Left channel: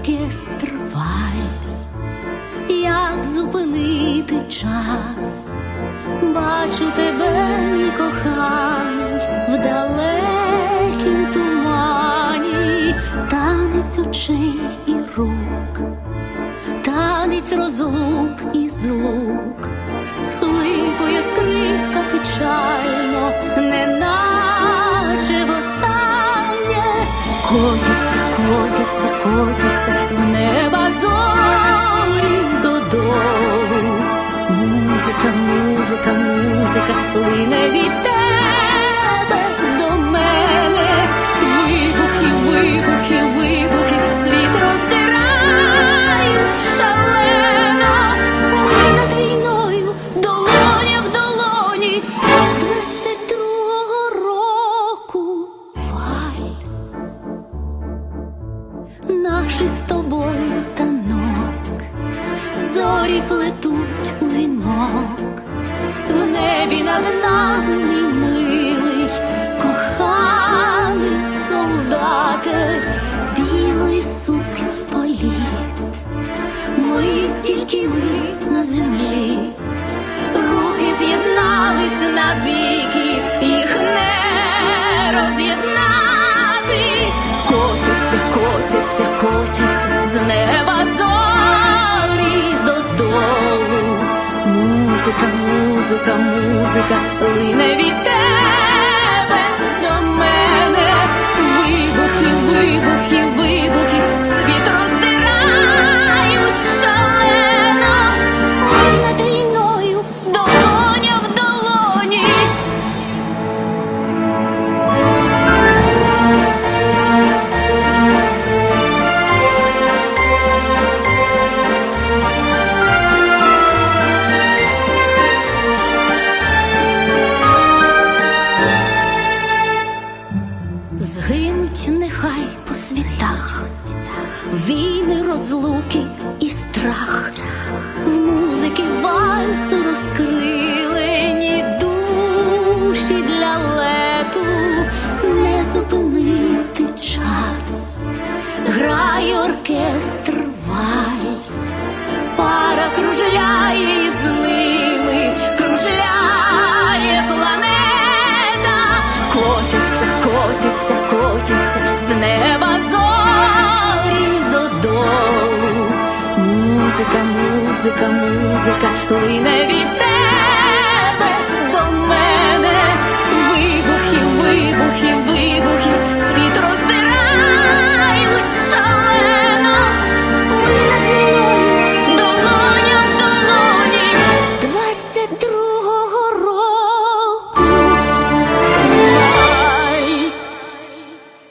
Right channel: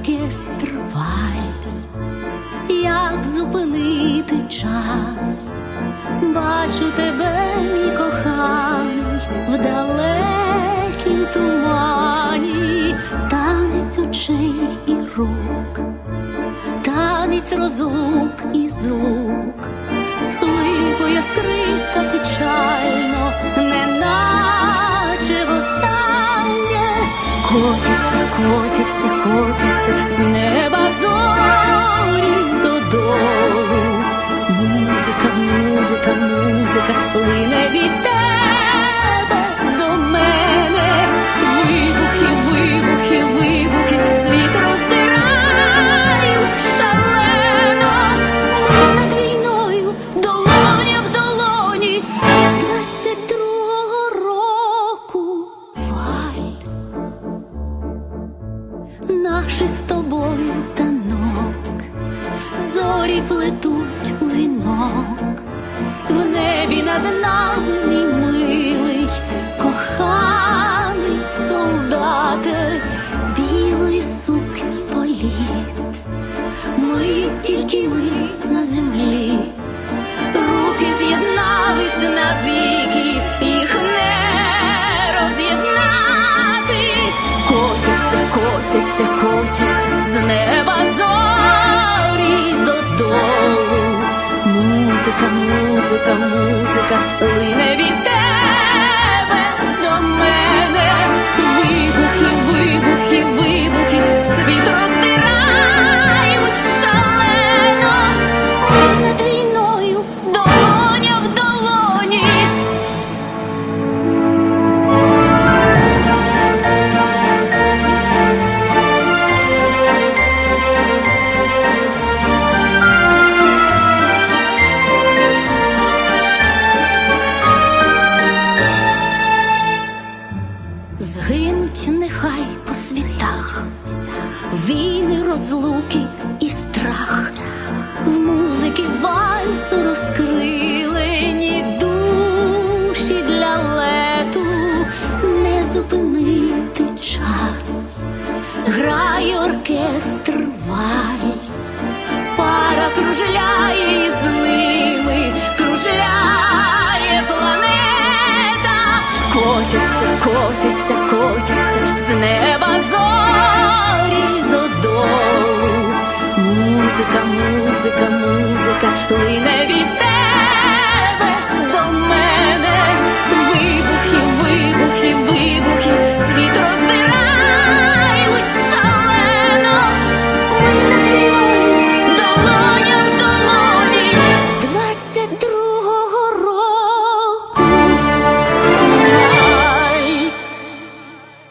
оркестр вальс, як зупинити час. Бачу тебе, мій коханий, в далекім тумані, танець очей і рук, танець розлук і злук, схлипує скрипка печально, неначе востаннє, котяться, котяться, котяться з неба зорі додолу. Музика, музика, музика лине від тебе до мене. Вибухи, вибухи, вибухи, світ роздирають Наші з тобою танок зорі плетуть у вінок, в небі над нами, мій милий, коханий солдате, білої сукні політ. Ми тільки ми на землі, руки з'єднались навіки, їх не Котяться, котяться, з неба зорі додолу. Музика, музика, музика лине від тебе до мене. Вибухи, вибухи, вибухи, Згинуть нехай по світах, війни, розлуки і страх, в музики вальсу розкрилені душі для лету, не зупинити час, грає оркестр вальс, пара кружляє Котяться, котяться, котяться з неба зорі додолу. Музика, музика, музика лине від тебе до мене.